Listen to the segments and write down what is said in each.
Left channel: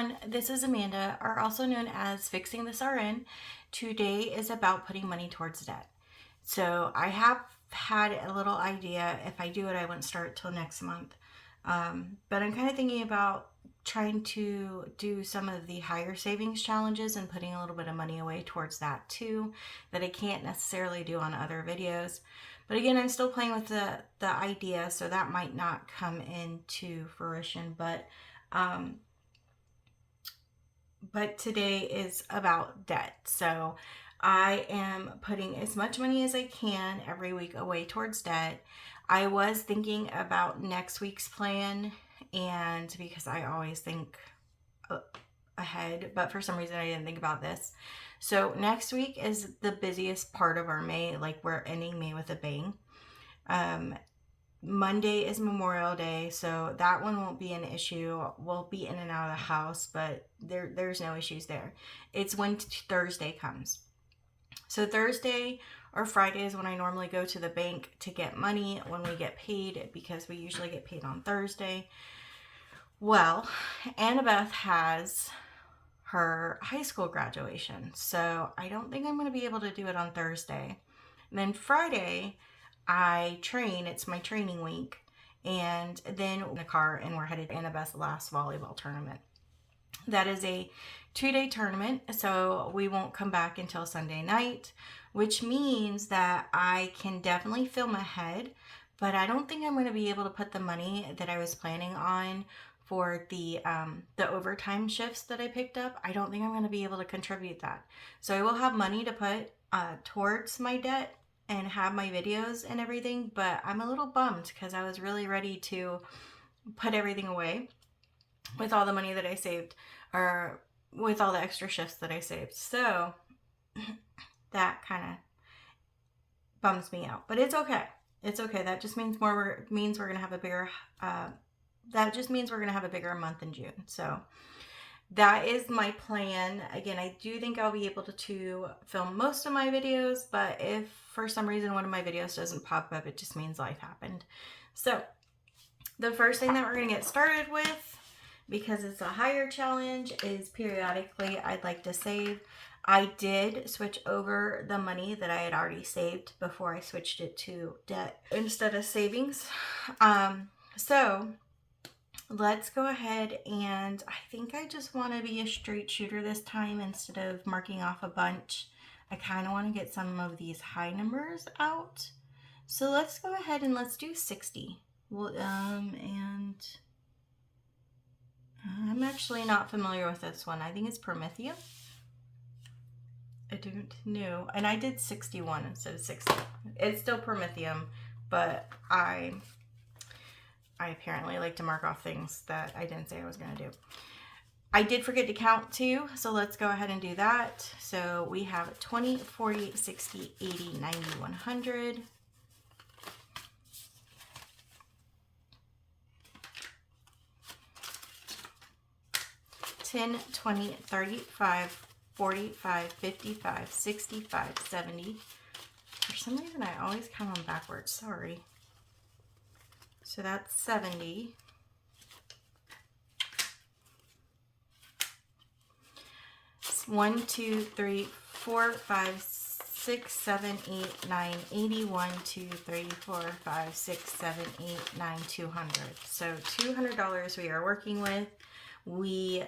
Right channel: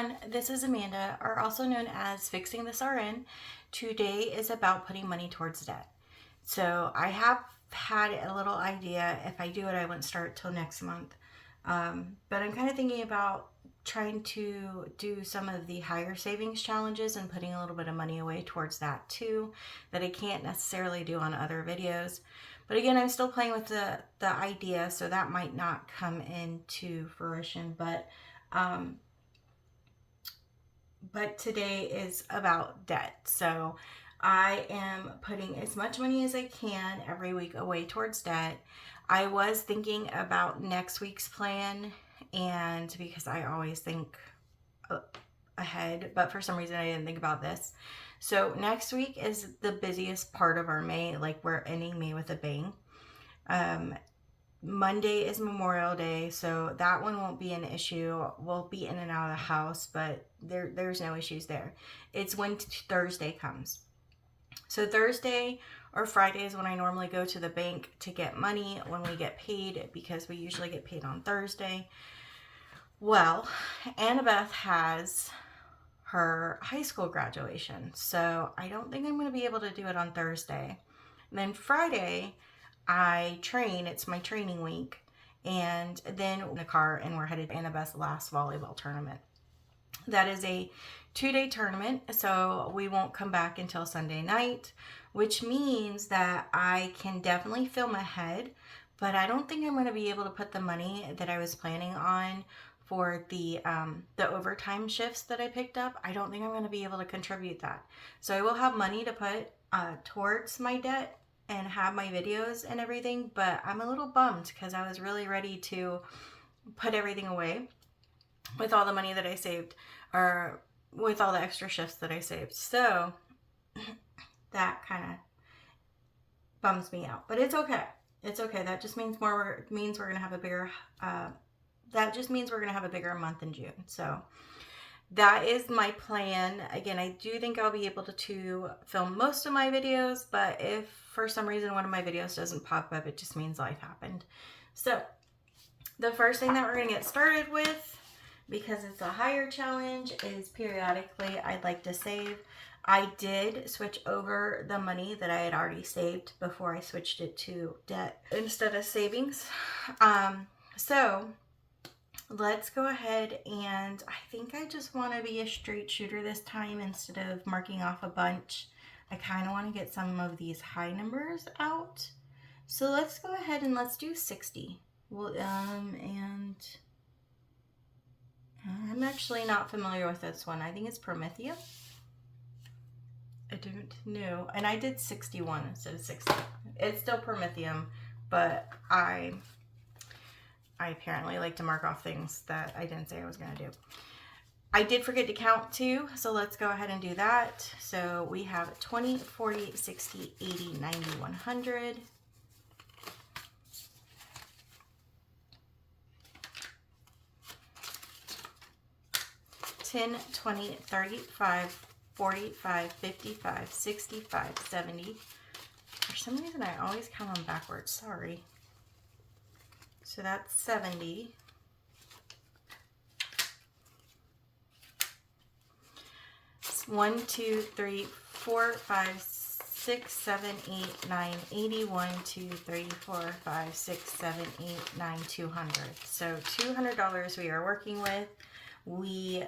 everyone, this is Amanda, or also known as Fixing This RN. Today is about putting money towards debt. So I have had a little idea. If I do it, I won't start till next month. But I'm kind of thinking about trying to do some of the higher savings challenges and putting a little bit of money away towards that too, that I can't necessarily do on other videos. But again, I'm still playing with the idea, so that might not come into fruition. But today is about debt. So I am putting as much money as I can every week away towards debt. I was thinking about next week's plan, and because I always think ahead, but for some reason I didn't think about this. So next week is the busiest part of our May. Like, we're ending May with a bang. Monday is Memorial Day, so that one won't be an issue. We'll be in and out of the house, but there's no issues there. It's when Thursday comes. So Thursday or Friday is when I normally go to the bank to get money when we get paid, because we usually get paid on Thursday. Well, Annabeth has her high school graduation, so I don't think I'm going to be able to do it on Thursday. And then Friday, I train. It's my training week. And then in the car, and we're headed to Annabeth's last volleyball tournament. That is a 2-day tournament, so we won't come back until Sunday night, which means that I can definitely film ahead, but I don't think I'm going to be able to put the money that I was planning on for the overtime shifts that I picked up. I don't think I'm going to be able to contribute that. So I will have money to put towards my debt and have my videos and everything, but I'm a little bummed because I was really ready to put everything away with all the money that I saved, or with all the extra shifts that I saved. So that kind of bums me out, but it's okay. It's okay. That just means we're gonna have a bigger. That just means we're gonna have a bigger month in June. So that is my plan. Again, I do think I'll be able to film most of my videos, but if for some reason one of my videos doesn't pop up, it just means life happened. So the first thing that we're going to get started with, because it's a higher challenge, is periodically I'd like to save. I did switch over the money that I had already saved before I switched it to debt instead of savings. So let's go ahead, and I think I just want to be a straight shooter this time instead of marking off a bunch. I kind of want to get some of these high numbers out. So let's go ahead and let's do 60. Well, and I'm actually not familiar with this one. I think it's Prometheum. I don't know. And I did 61 instead of 60. It's still Prometheum, but I apparently like to mark off things that I didn't say I was going to do. I did forget to count too, so let's go ahead and do that. So we have 20, 40, 60, 80, 90, 100. $10, $20, $35, $45, $55, $65, $70. For some reason, I always count them backwards. Sorry. So that's 70. One, 2, 3, 4, 5, 6, 7, 8, 9, 80. 1, 2, 3, 4, 5, 6, 7, 8, 9, 200. So $200 we are working with. We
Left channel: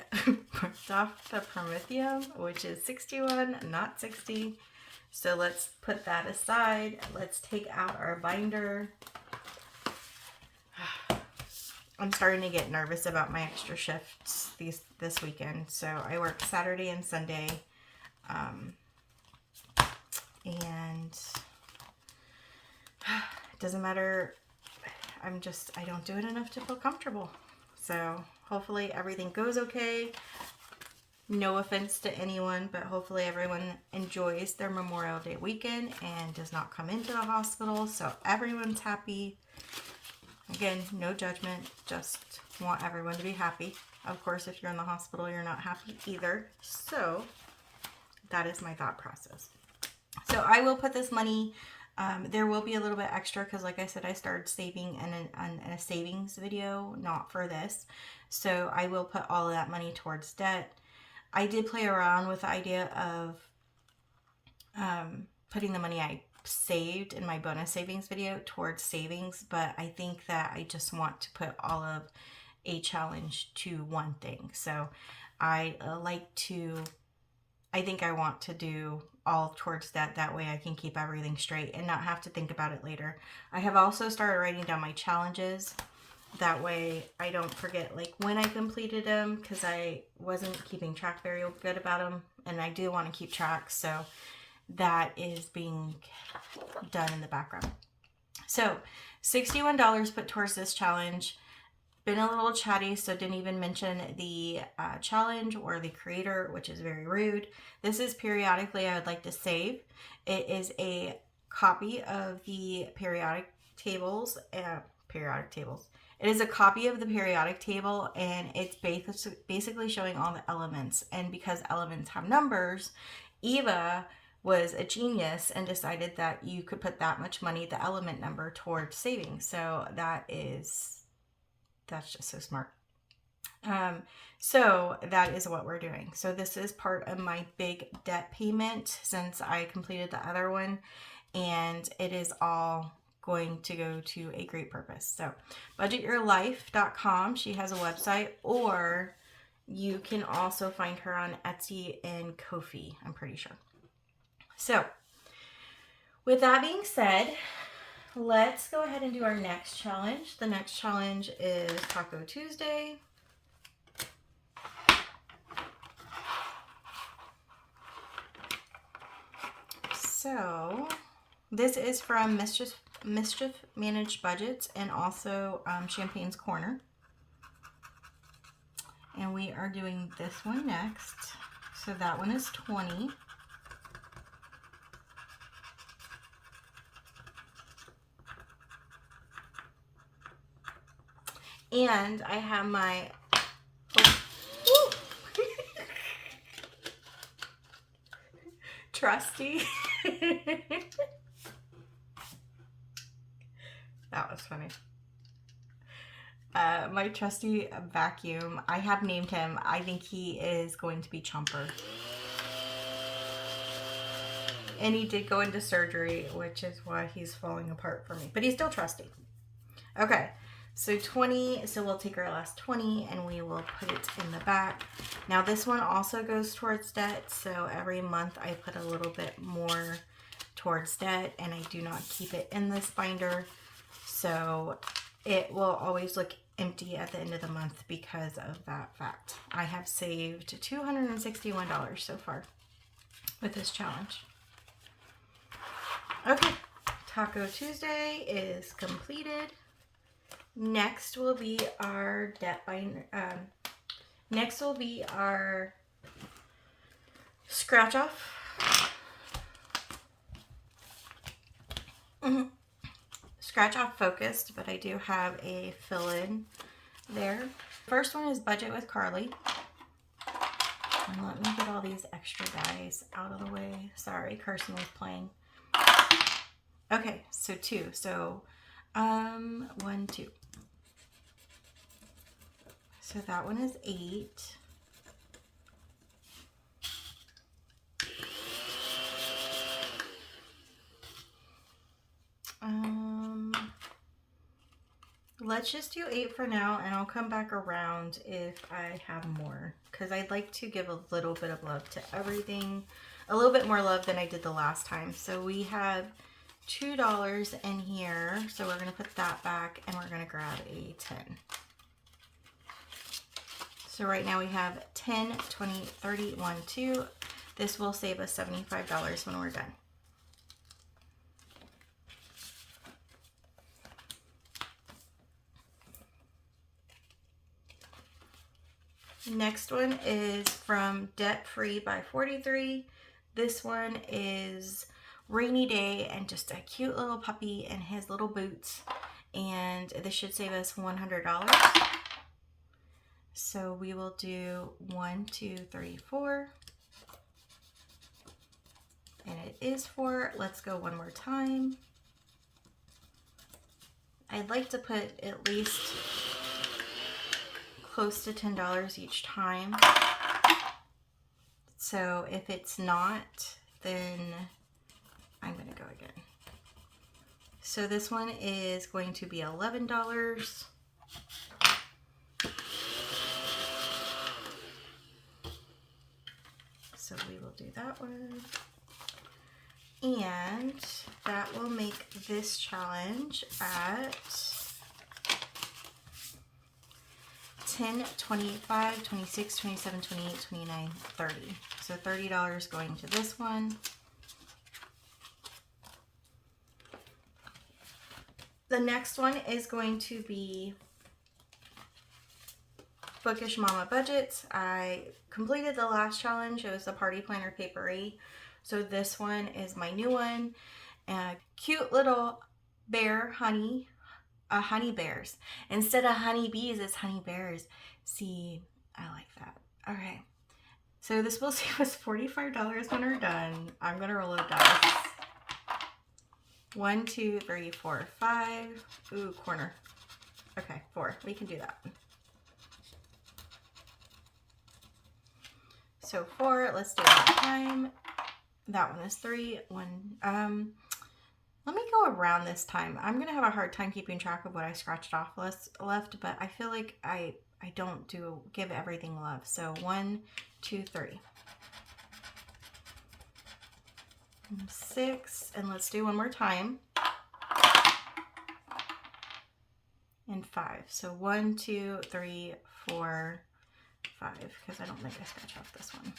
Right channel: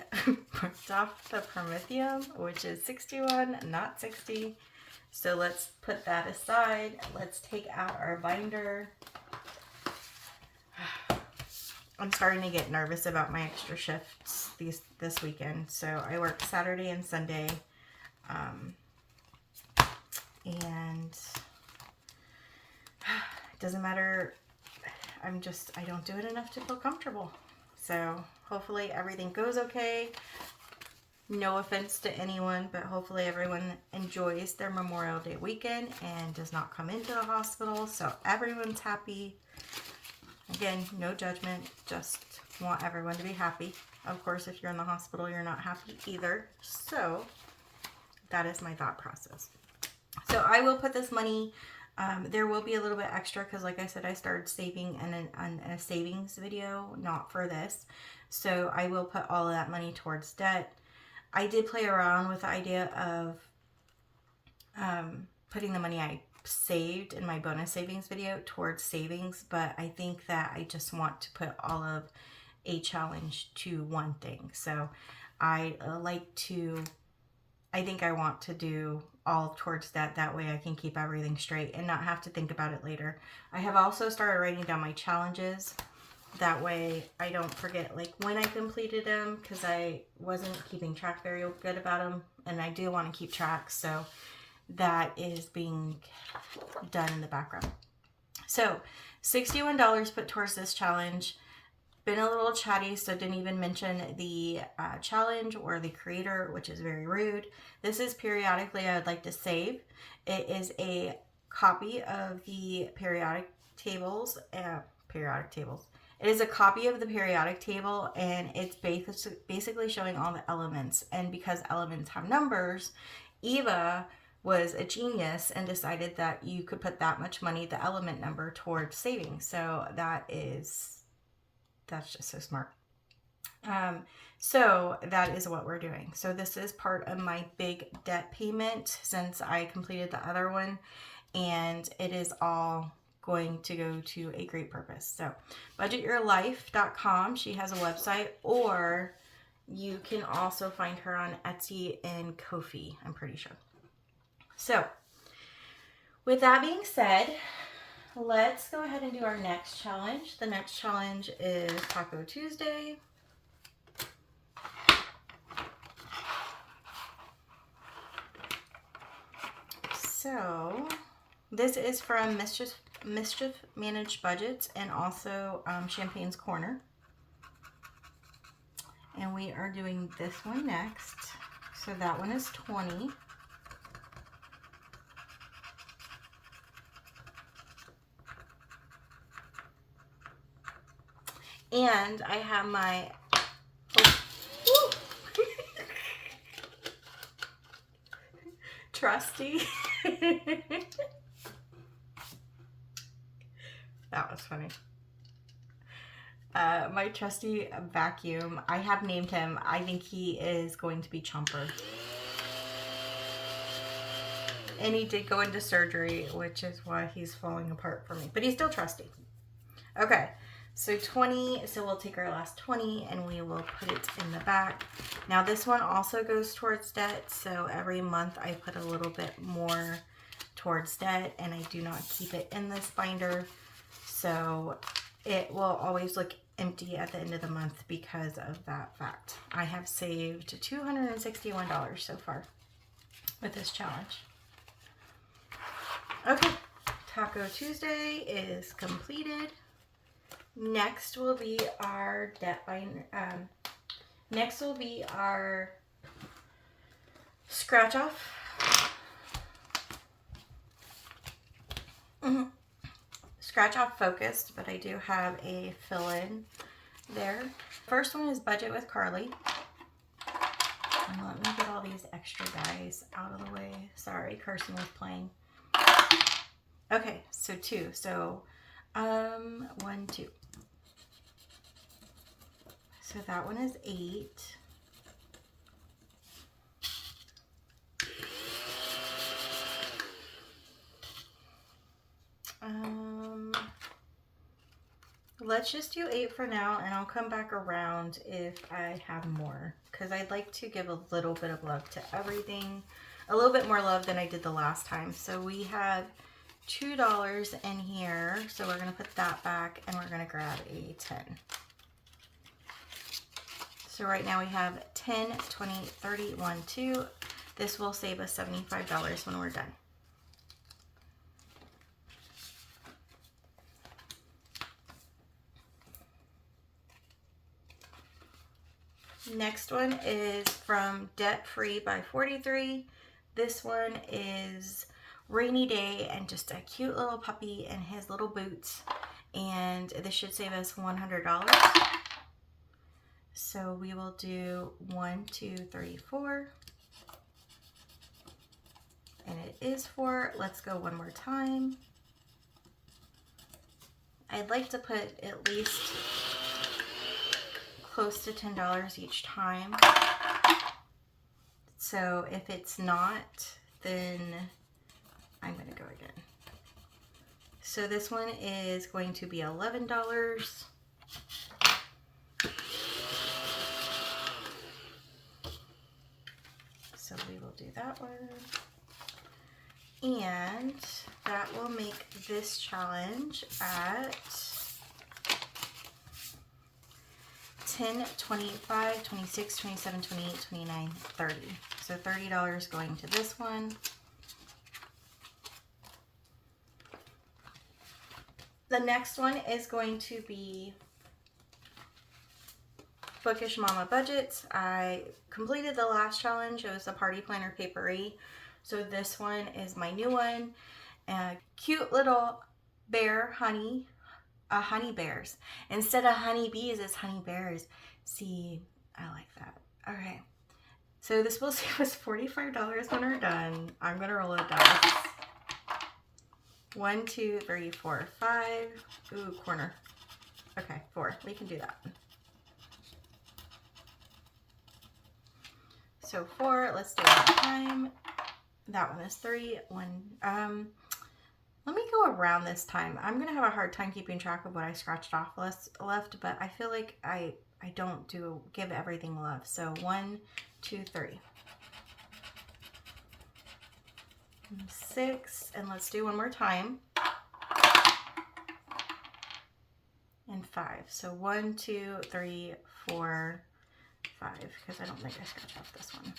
marked off the Prometheum, which is 61, not 60. So let's put that aside. Let's take out our binder. I'm starting to get nervous about my extra shifts this weekend. So I work Saturday and Sunday, and it doesn't matter. I don't do it enough to feel comfortable. So hopefully everything goes okay. No offense to anyone, but hopefully everyone enjoys their Memorial Day weekend and does not come into the hospital. So everyone's happy. Again, no judgment, just want everyone to be happy. Of course, if you're in the hospital, you're not happy either. So that is my thought process. So I will put this money, there will be a little bit extra because like I said, I started saving in a savings video, not for this. So I will put all of that money towards debt. I did play around with the idea of putting the money I saved in my bonus savings video towards savings, but I think that I just want to put all of a challenge to one thing. So I think I want to do all towards that. That way I can keep everything straight and not have to think about it later. I have also started writing down my challenges. That way I don't forget like when I completed them, because I wasn't keeping track very good about them, and I do want to keep track. So that is being done in the background. So $61 put towards this challenge. Been a little chatty, so didn't even mention the challenge or the creator, which is very rude. This is Periodically I Would Like to Save. It is a copy of the periodic tables. It is a copy of the periodic table, and it's basically showing all the elements. And because elements have numbers, Eva was a genius and decided that you could put that much money, the element number, towards savings. So that's just so smart. So that is what we're doing. So this is part of my big debt payment since I completed the other one, and it is all going to go to a great purpose. So budgetyourlife.com, she has a website, or you can also find her on Etsy and Ko-fi, I'm pretty sure. So with that being said, let's go ahead and do our next challenge. The next challenge is Taco Tuesday. So this is from Mischief Managed Budgets and also Champagne's Corner. And we are doing this one next. So that one is 20. And I have my trusty. That was funny. My trusty vacuum. I have named him. I think he is going to be Chomper. And he did go into surgery, which is why he's falling apart for me. But he's still trusty. Okay. So 20, so we'll take our last 20 and we will put it in the back. Now this one also goes towards debt, so every month I put a little bit more towards debt, and I do not keep it in this binder. So it will always look empty at the end of the month because of that fact. I have saved $261 so far with this challenge. Okay, Taco Tuesday is completed. Next will be our debt binder. Next will be our scratch off. Scratch off focused, but I do have a fill in there. First one is Budget with Carly. And let me get all these extra guys out of the way. Sorry, Carson was playing. Okay, so 2. So 1, 2. So that one is 8. Let's just do 8 for now, and I'll come back around if I have more, because I'd like to give a little bit of love to everything, a little bit more love than I did the last time. So we have $2 in here, so we're going to put that back, and we're going to grab a 10. So right now we have 10, 20, 30, 1, 2. This will save us $75 when we're done. Next one is from Debt Free by 43. This one is Rainy Day and just a cute little puppy and his little boots. And this should save us $100. So we will do 1, 2, 3, 4. And it is 4. Let's go one more time. I'd like to put at least close to $10 each time. So if it's not, then I'm going to go again. So this one is going to be $11. So we will do that one. And that will make this challenge at 10, 25, 26, 27, 28, 29, 30. So $30 going to this one. The next one is going to be Bookish Mama Budgets. I completed the last challenge. It was the Party Planner Papery. So this one is my new one. Cute little bear honey bears. Instead of honey bees, it's honey bears. See, I like that. All right. So this will save us $45 when we're done. I'm gonna roll a dice. 1, 2, 3, 4, 5. Ooh, corner. Okay, 4. We can do that. So 4. Let's do it one time. That one is 3. 1. Let me go around this time. I'm gonna have a hard time keeping track of what I scratched off left, but I feel like I don't give everything love. So 1, 2, 3. 6, and let's do one more time. And 5. So 1, 2, 3, 4, 5, because I don't think I scratched off this one.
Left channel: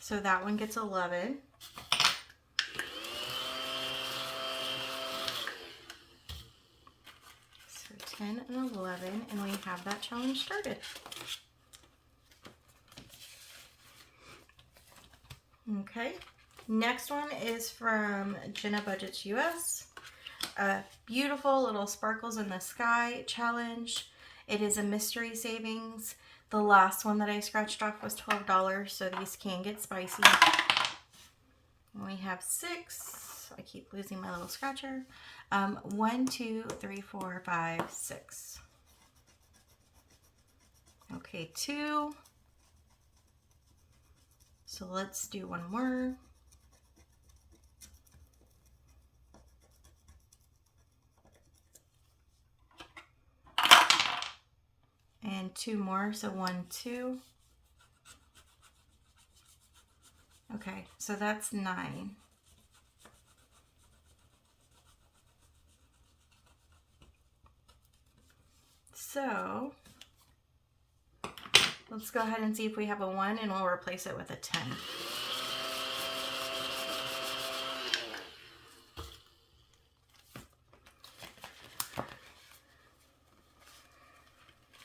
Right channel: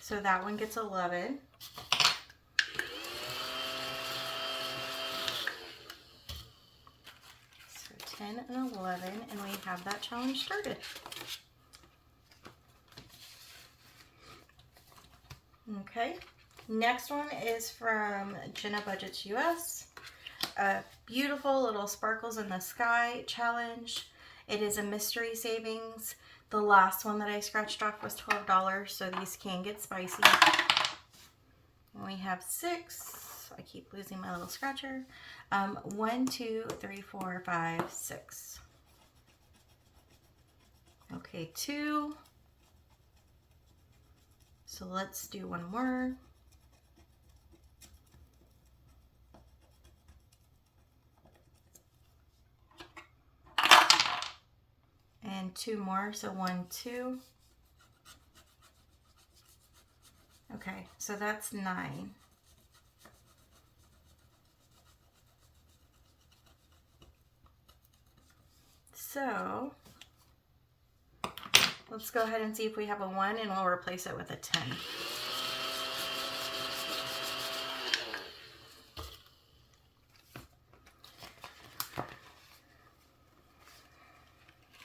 So that one gets 11. So 10 and 11, and we have that challenge started. Okay, next one is from Jenna Budgets US. A beautiful little sparkles in the sky challenge. It is a mystery savings. The last one that I scratched off was $12, so these can get spicy. And we have 6. I keep losing my little scratcher. 1, 2, 3, 4, 5, 6. Okay, 2. So let's do one more. And 2 more, so 1, 2. Okay, so that's 9. So let's go ahead and see if we have a 1, and we'll replace it with a 10.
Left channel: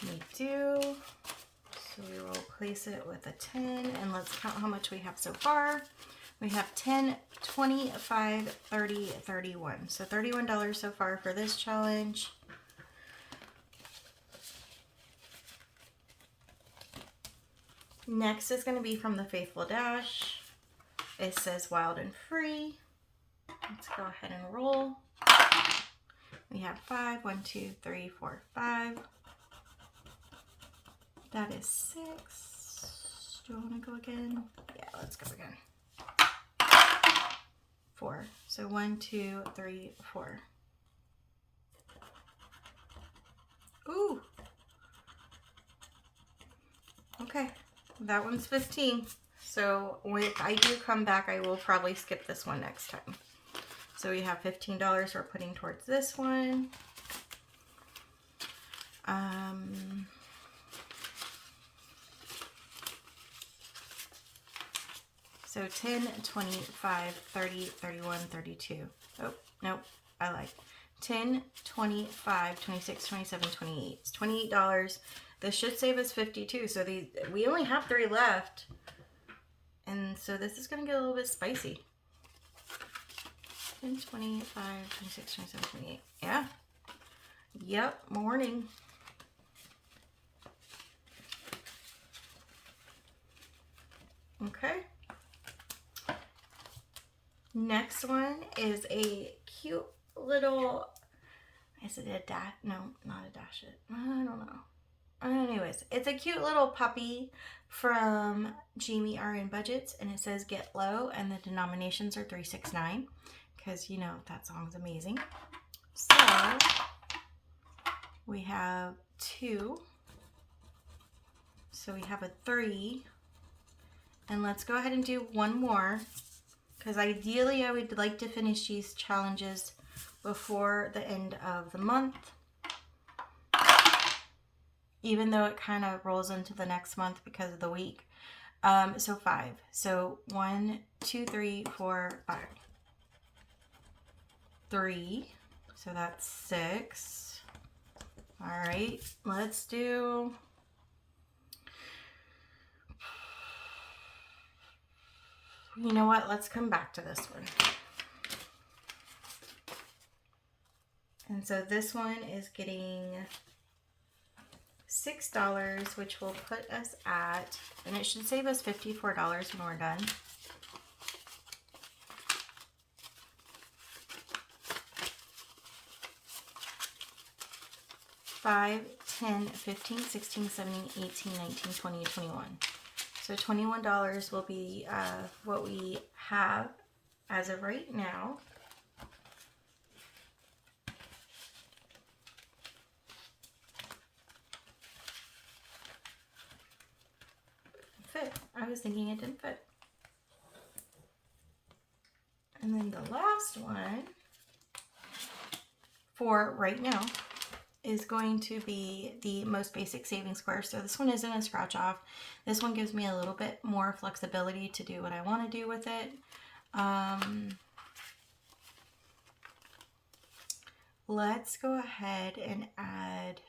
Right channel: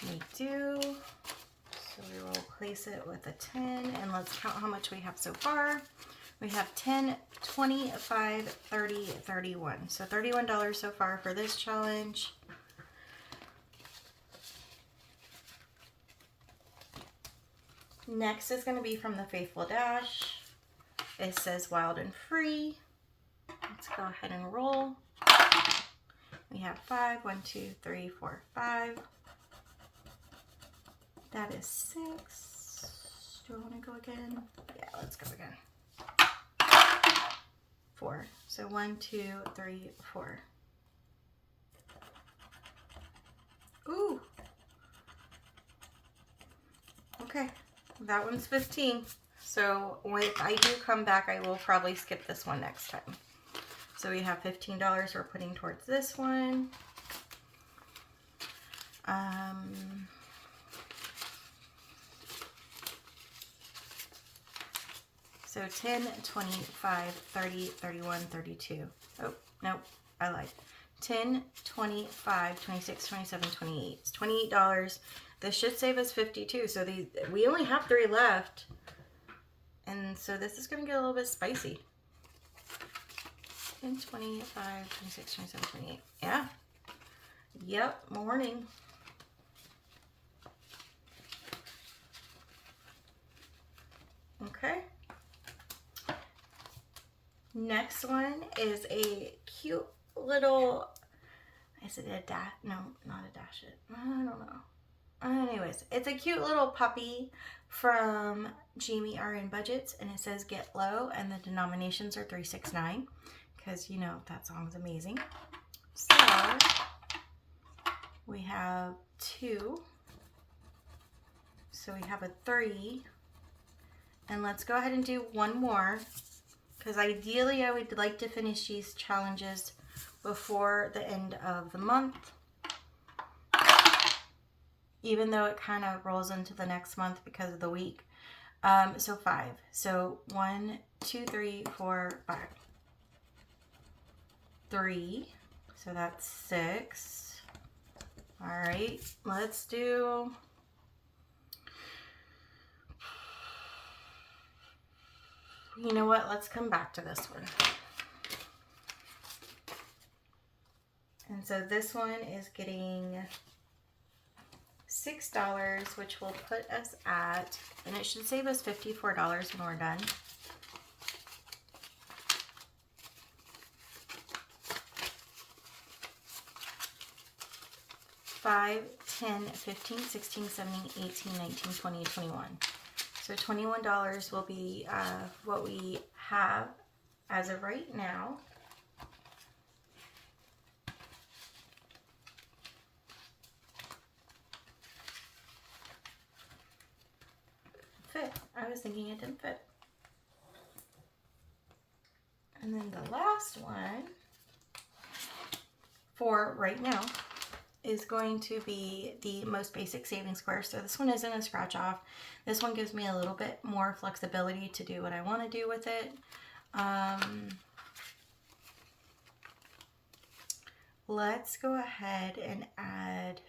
We do. So we will replace it with a 10, and let's count how much we have so far. We have 10, 25, 30, 31. So $31 so far for this challenge. Next is going to be from the Faithful Dash. It says Wild and Free. Let's go ahead and roll. We have 5. 1, 2, 3, 4, 5. That is 6. Do I want to go again? Yeah, let's go again. 4. So 1, 2, 3, 4. Ooh. Okay, that one's 15. So if I do come back, I will probably skip this one next time. So we have $15 we're putting towards this one. So 10, 25, 30, 31, 32. Oh, nope, I lied. 10, 25, 26, 27, 28. It's $28. This should save us 52. So we only have 3 left. And so this is going to get a little bit spicy. 10, 25, 26, 27, 28. Yeah. Yep, morning. Okay. Next one is a cute little, Is it a dash? No, not a dash it. I don't know. Anyways, it's a cute little puppy from Jamie RN Budgets, and it says Get Low, and the denominations are 369, because you know that song's amazing. So we have 2. So we have a 3. And let's go ahead and do one more, because ideally I would like to finish these challenges before the end of the month, even though it kind of rolls into the next month because of the week. So 5. So 1, 2, 3, 4, 5. 3. So that's 6. All right, let's do... You know what? Let's come back to this one. And so this one is getting $6, which will put us at, and it should save us $54 when we're done. $5, $10, $15, $16, $17, $18, $19, $20, $21. So $21 will be what we have as of right now. Fit. I was thinking it didn't fit. And then the last one for right now is going to be the most basic savings square. So this one isn't a scratch off. This one gives me a little bit more flexibility to do what I want to do with it. Let's go ahead and add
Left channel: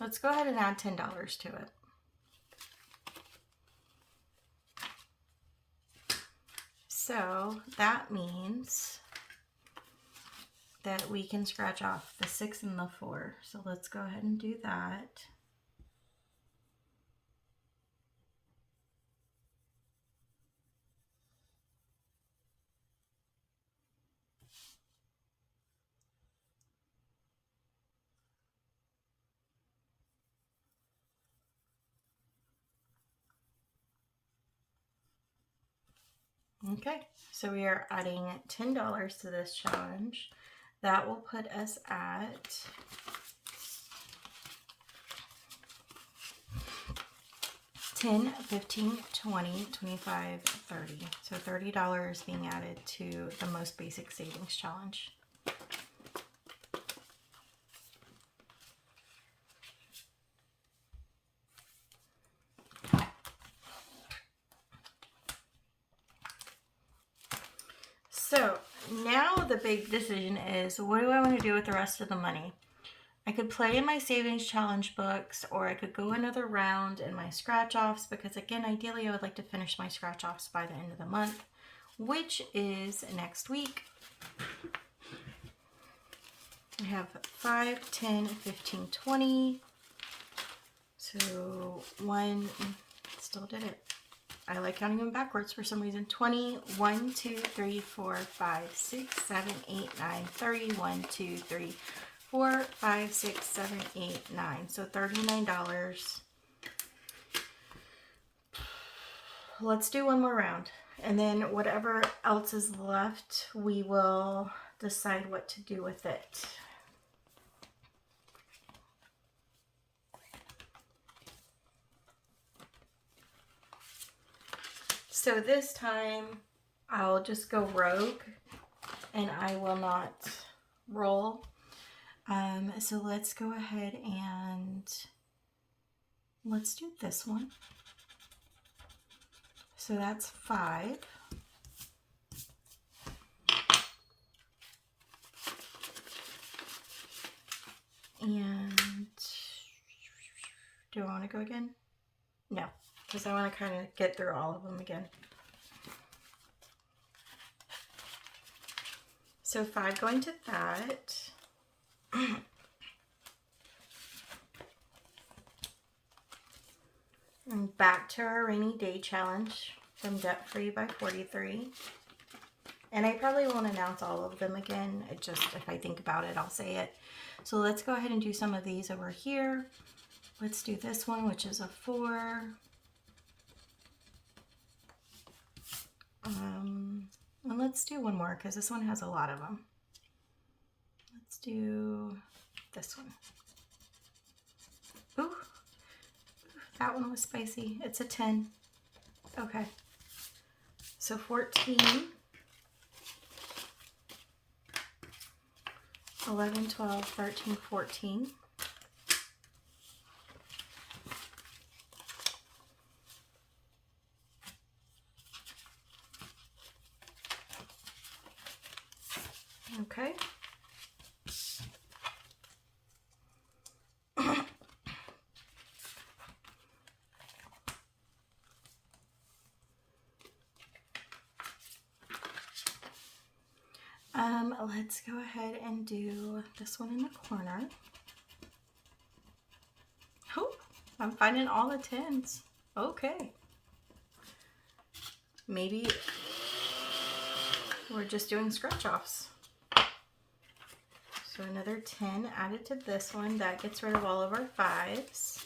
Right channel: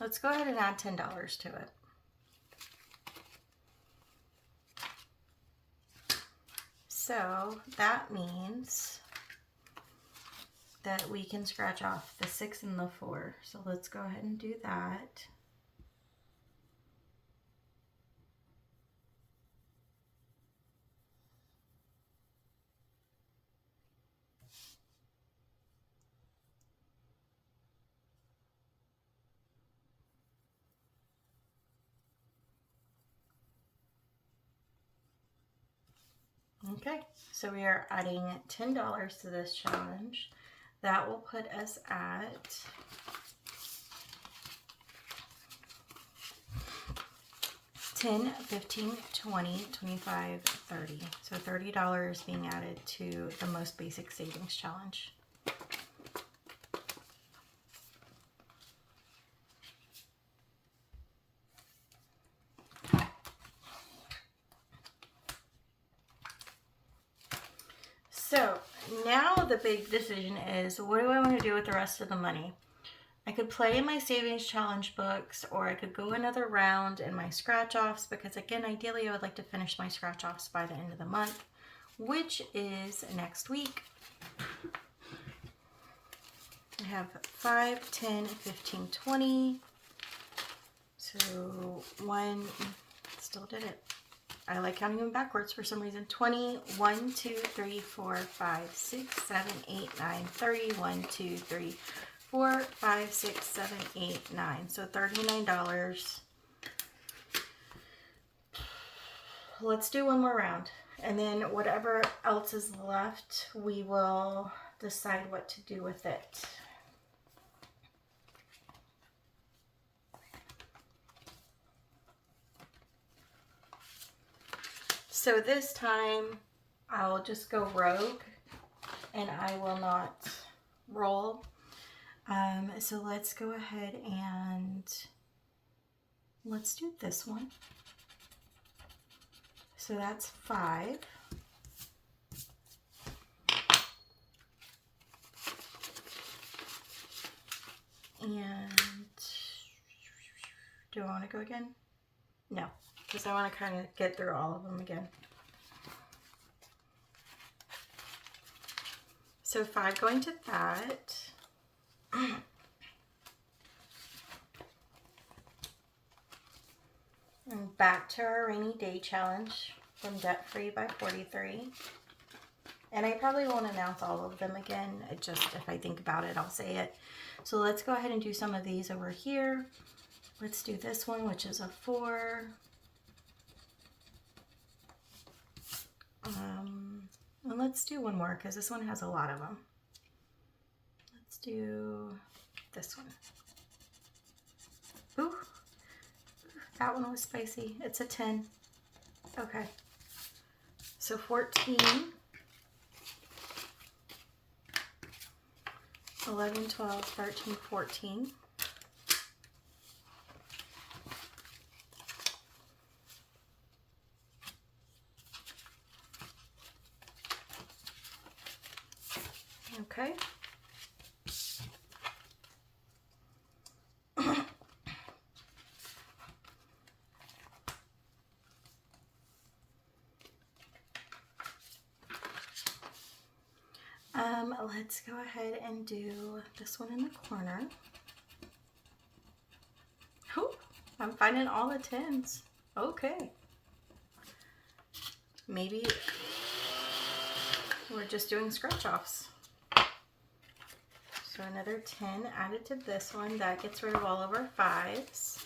$10 to it. So that means that we can scratch off the 6 and the 4. So let's go ahead and do that. Okay, so we are adding $10 to this challenge. That will put us at $10, $15, $20, $25, $30. So $30 being added to the most basic savings challenge. So now the big decision is, what do I want to do with the rest of the money? I could play in my savings challenge books, or I could go another round in my scratch offs, because again, ideally I would like to finish my scratch offs by the end of the month, which is next week. I have 5, 10, 15, 20. So one, still did it. I like counting them backwards for some reason. 20, 1, 2, 3, 4, 5, 6, 7, 8, 9, 30, 1, 2, 3, 4, 5, 6, 7, 8, 9. So $39. Let's do one more round. And then whatever else is left, we will decide what to do with it. So this time I'll just go rogue and I will not roll. So let's go ahead and let's do this one. So that's 5. And do I want to go again? No, because I want to kind of get through all of them again. So 5 going to that. And back to our rainy day challenge. from Debt Free by 43. And I probably won't announce all of them again. It just, if I think about it, I'll say it. So let's go ahead and do some of these over here. Let's do this one, which is a 4. And let's do one more because this one has a lot of them. Let's do this one. Ooh, that one was spicy. It's a 10. Okay. So 14, 11, 12, 13, 14. Okay. Let's go ahead and do this one in the corner. Oh, I'm finding all the 10s. Okay. Maybe we're just doing scratch offs. So another 10 added to this one. That gets rid of all of our 5s.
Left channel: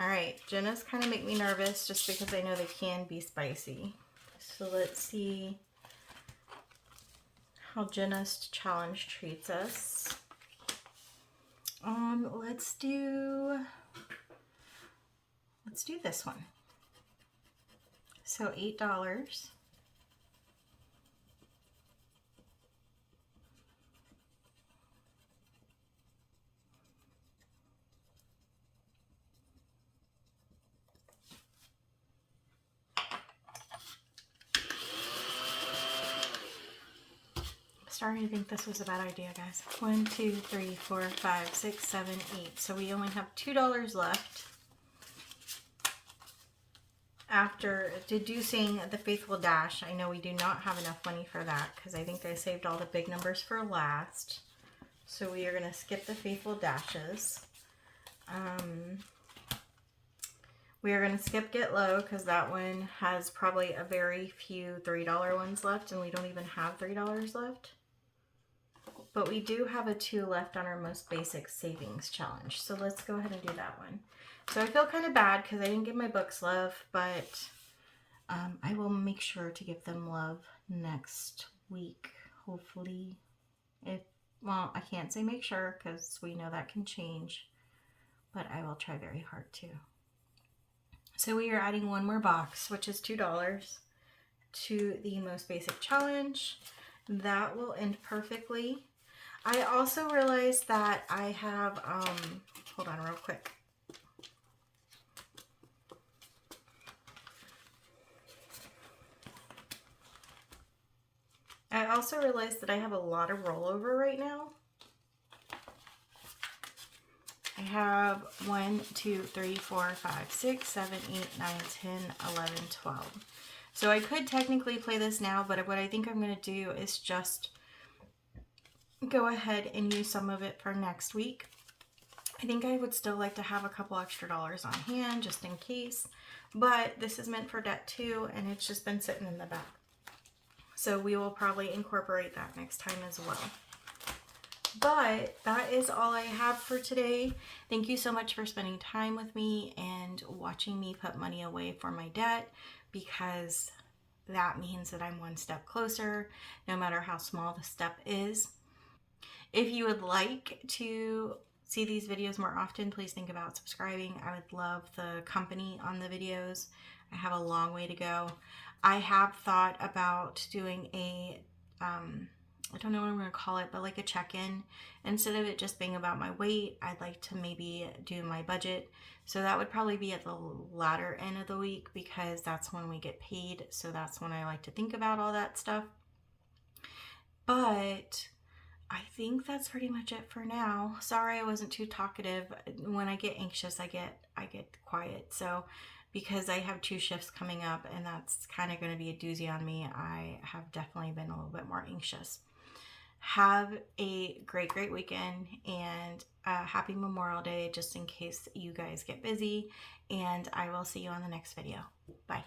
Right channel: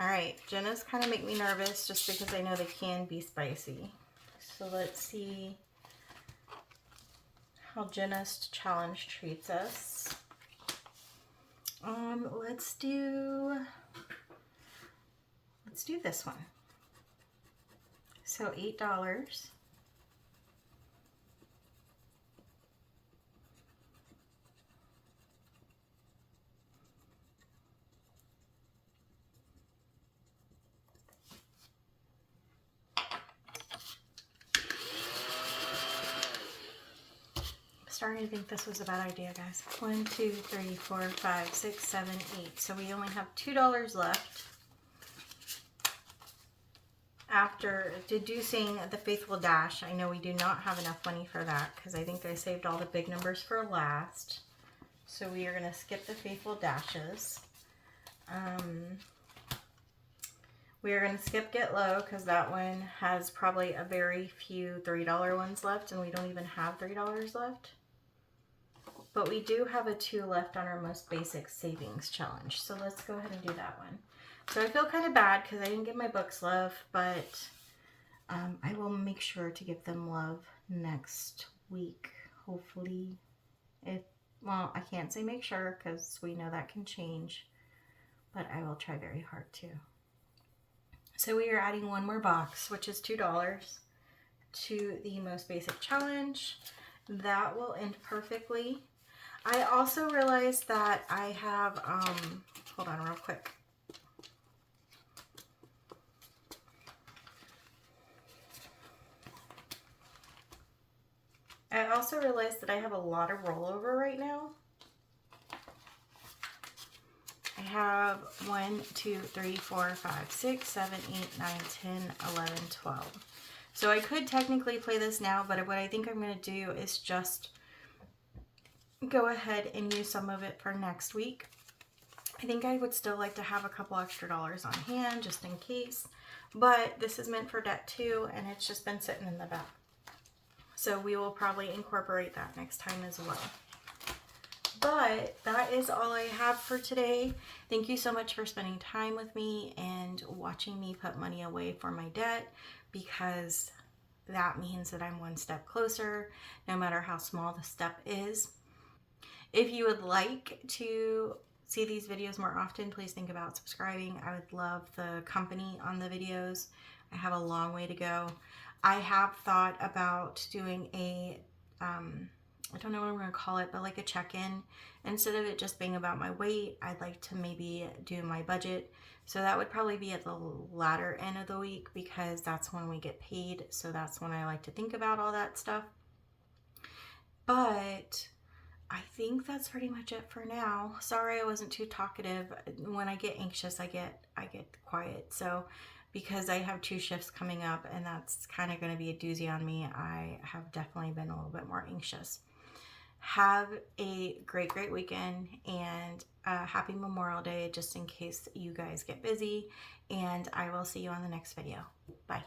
All right, Jenna's kind of make me nervous just because I know they can be spicy. So let's see how Jenna's challenge treats us. Let's do this one. So $8. Starting to think this was a bad idea, guys. 1, 2, 3, 4, 5, 6, 7, 8. So we only have $2 left after deducing the Faithful Dash. I know we do not have enough money for that because I think I saved all the big numbers for last. So we are going to skip the Faithful Dashes. We are going to skip Get Low because that one has probably a very few $3 ones left and we don't even have $3 left. But we do have a 2 left on our most basic savings challenge. So let's go ahead and do that one. So I feel kind of bad because I didn't give my books love, but I will make sure to give them love next week, hopefully. Well, I can't say make sure because we know that can change, but I will try very hard to. So we are adding one more box, which is $2 to the most basic challenge. That will end perfectly. I also realized that I have, hold on real quick. I also realized that I have a lot of rollover right now. I have 1, 2, 3, 4, 5, 6, 7, 8, 9, 10, 11, 12. So I could technically play this now, but what I think I'm going to do is just go ahead and use some of it for next week. I think I would still like to have a couple extra dollars on hand just in case, but this is meant for debt too, and it's just been sitting in the back. So we will probably incorporate that next time as well. But that is all I have for today. Thank you so much for spending time with me and watching me put money away for my debt, because that means that I'm one step closer, no matter how small the step is. If you would like to see these videos more often, please think about subscribing. I would love the company on the videos. I have a long way to go. I have thought about doing a, I don't know what I'm going to call it, but like a check-in. Instead of it just being about my weight, I'd like to maybe do my budget. So that would probably be at the latter end of the week because that's when we get paid. So that's when I like to think about all that stuff. But I think that's pretty much it for now. Sorry I wasn't too talkative. When I get anxious, I get quiet. So because I have 2 shifts coming up and that's kind of going to be a doozy on me, I have definitely been a little bit more anxious. Have a great weekend and happy Memorial Day just in case you guys get busy, and I will see you on the next video. Bye.